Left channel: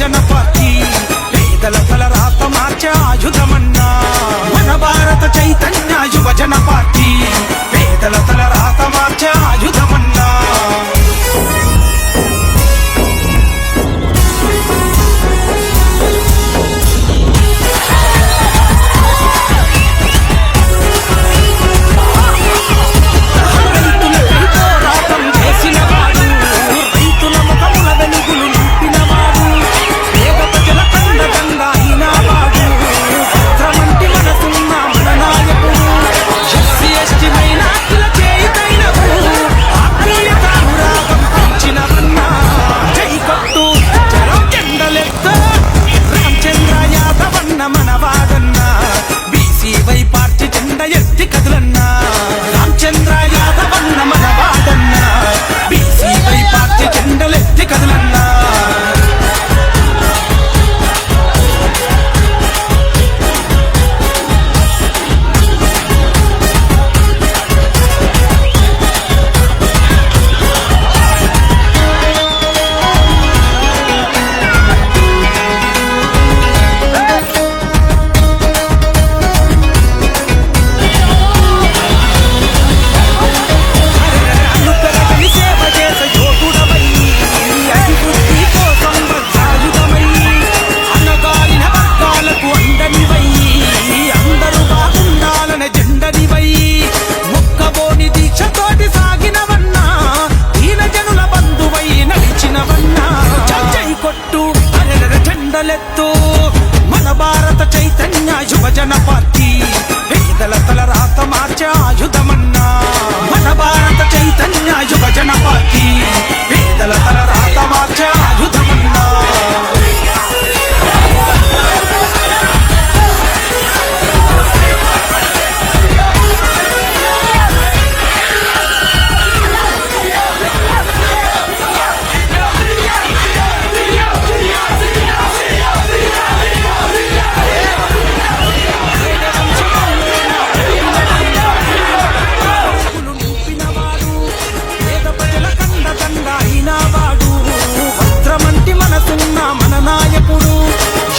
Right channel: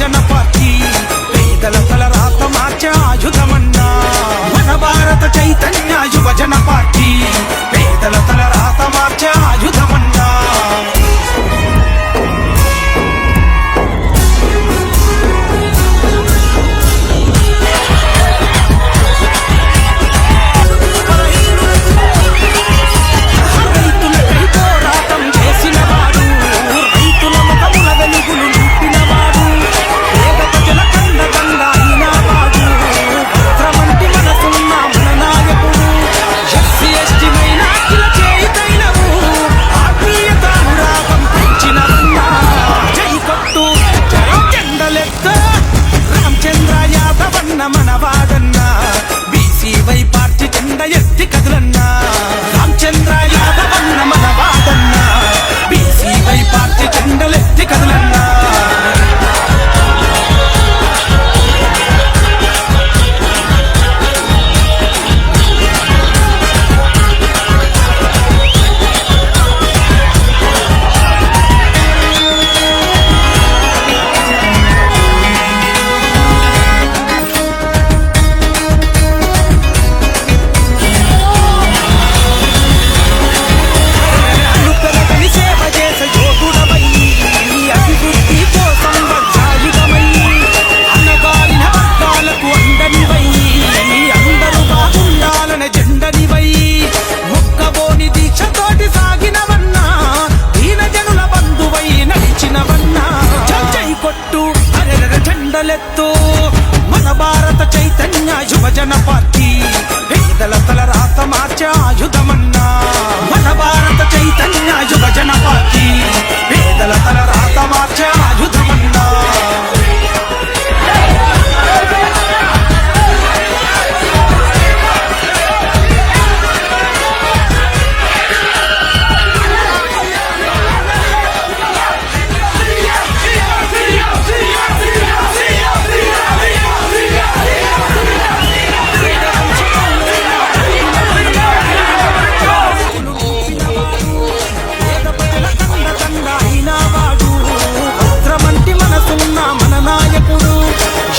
యువజన పార్టీ పేదల తలరాత మార్చే ఆయుధమన్నా మన భారత చైతన్య యువజన పార్టీ పేదల తలరాత మార్చే ఆయుధమన్నా మనవాడన్నా బీసీవై పార్టీ జెండా ఎత్తి కదులన్నా రామచంద్ర యాదవన్న మనవాడన్నా బీసీవై పార్టీ జెండలెత్తి కదులన్నా కొట్టు అరెర జెండలెత్తు మన భారత చైతన్య యువజన పార్టీ పేదల తలరాత మార్చే ఆయుధమన్నా మన భారత చైతన్య యువజన పార్టీ పేదల తలరాత మార్చే ఆయుధమన్నా మన నాయకుడు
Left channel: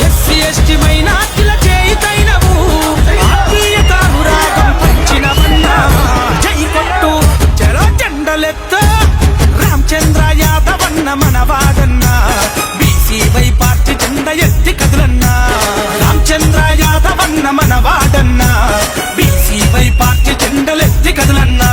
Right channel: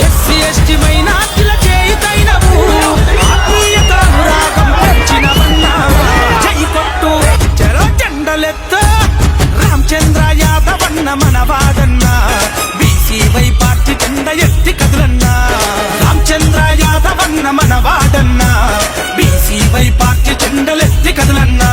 ఎస్సీ ఎస్టీ మైనార్టీల చేయితైనవు ఆత్మీయత అనురాగం పంచినవన్నా జై కొట్టు చలో జెండలెత్తు రామచంద్ర యాదవన్న మనవాడన్నా బీసీవై పార్టీ జెండా ఎత్తి కదులన్నా రామచంద్ర యాదవన్న మనవాడన్నా బీసీవై పార్టీ జెండలెత్తి కదులన్నా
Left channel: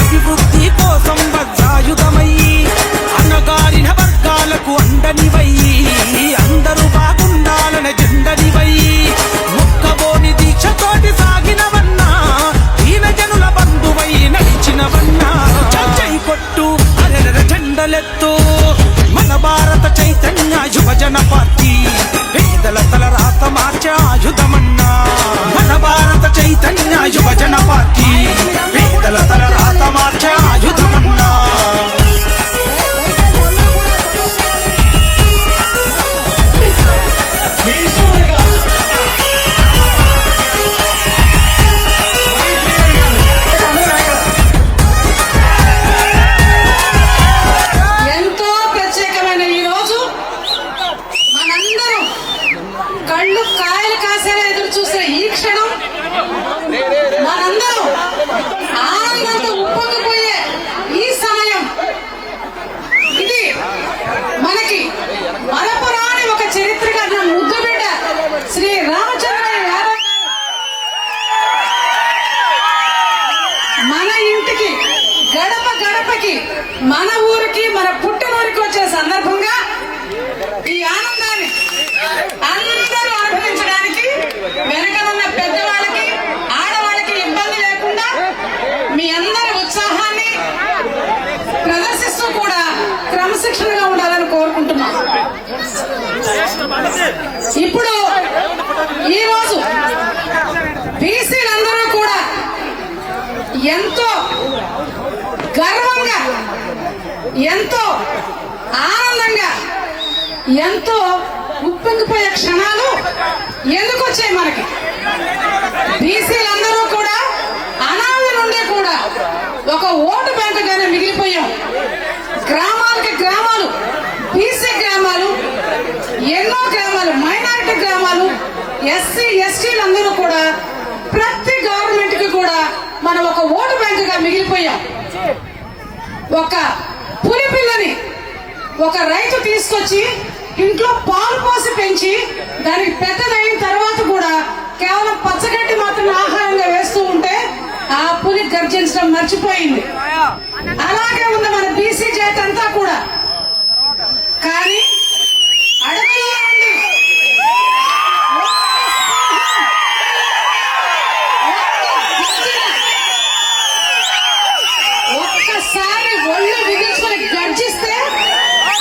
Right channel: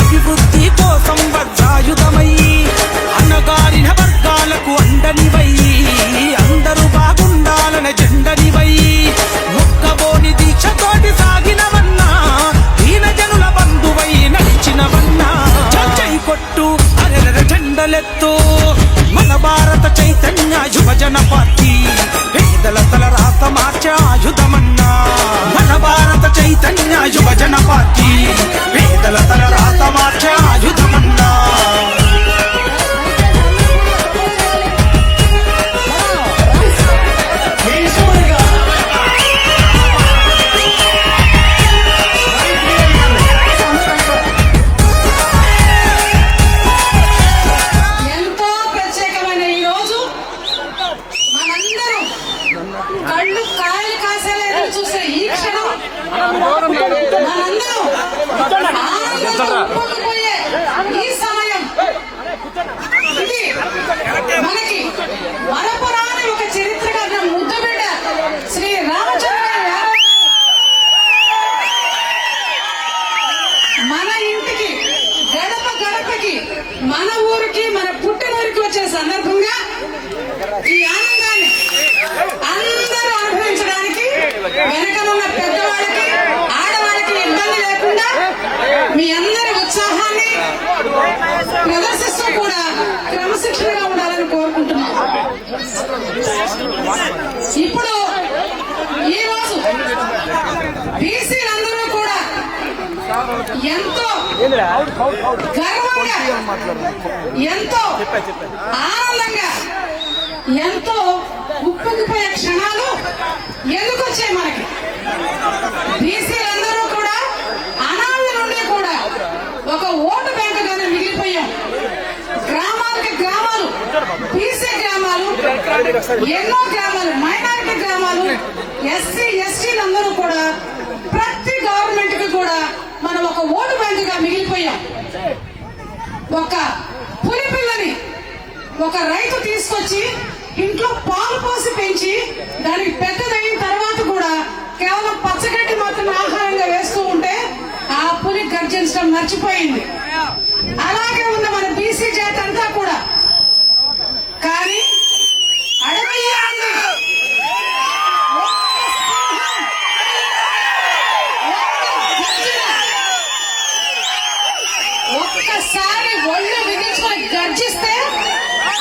అభివృద్ధి కోసం వజ్రాయుధమయ్యి అన్నగారిన వర్గాలకు అండనివయ్యి అందరూ బాగుండాలనే జెండనివయ్యి ముక్కబోని దీక్షతోటి సాగినవన్నా దీన జనుల బంధువై నడిచినవన్నా చై కొట్టు అరెర జెండలెత్తు మన భారత చైతన్య యువజన పార్టీ పేదల తలరాత మార్చే ఆయుధమన్నా మన భారత చైతన్య యువజన పార్టీ పేదల తలరాత మార్చే ఆయుధమన్నా కళ్ళు కాయలు కాసేలా ఎదురు చూసే ఈ క్షణం మనందరం ఆనందంతో ఉప్పొంగిపోయే ఈ సమయం ఇది మనకి మరపురాని ఒక చరిత్ర కన్నా ముద్దు బిడ్డ శ్రీ రామచంద్ర యాదవ్ మన ఇంటికి గడప గడపకి మన ఊరికి మన పుట్టినూరికి వచ్చే సందర్భంగా ఈ ఆనందాన్ని అందరూ అనుభవించడానికి వెనకనున్న పెద్దవాళ్ళకి ఆడవాళ్ళకి ఇబ్బంది లేకుండా మీ అందరి ఉత్సాహాన్ని ప్రదర్శిస్తూ కూడా క్రమశిక్షణగా ఉండాలని కోరుకుంటున్నాం. ఎంతో ఆనందంగా ఎంతో ఉప్పొంగిపోయే క్షణాలు ఎందుకు వచ్చాయి మనకి? బీసీలందరూ కూడా అనాది నుండి కూడా ఒక ఓటు బ్యాంకుగానే మిగిలిపోయాం. గ్రామాలకి గ్రామాలు, బీసీ గ్రామాలు, ఎన్నో గ్రామాలు, మైనారిటీ గ్రామాలు, ఎస్సీ ఎస్టీలందరూ కూడా ప్రతి గవర్నమెంట్ కి కూడా మనం ఒక ఓటు బ్యాంకుగా మిగిలిపోయాం. ఒక పులి పిల్లని ఒక రైతు తీసుకొచ్చి ఇంట్లో పాలు పోసి పెంచి దానికి పెద్దదైన తర్వాత కూడా కేవలం పచ్చగడ్డి మాత్రం ఆహారంగా వేస్తూ ఉంటే ఆ పులి గర్జించడం మర్చిపోయింది. అలాగే ఉంది మన బీసీ జాతి అంతా కూడా. కానీ అడవిలో ఉండి ఒక్కసారి ఒళ్ళు బిగించుకొని గర్జిస్తే ఆ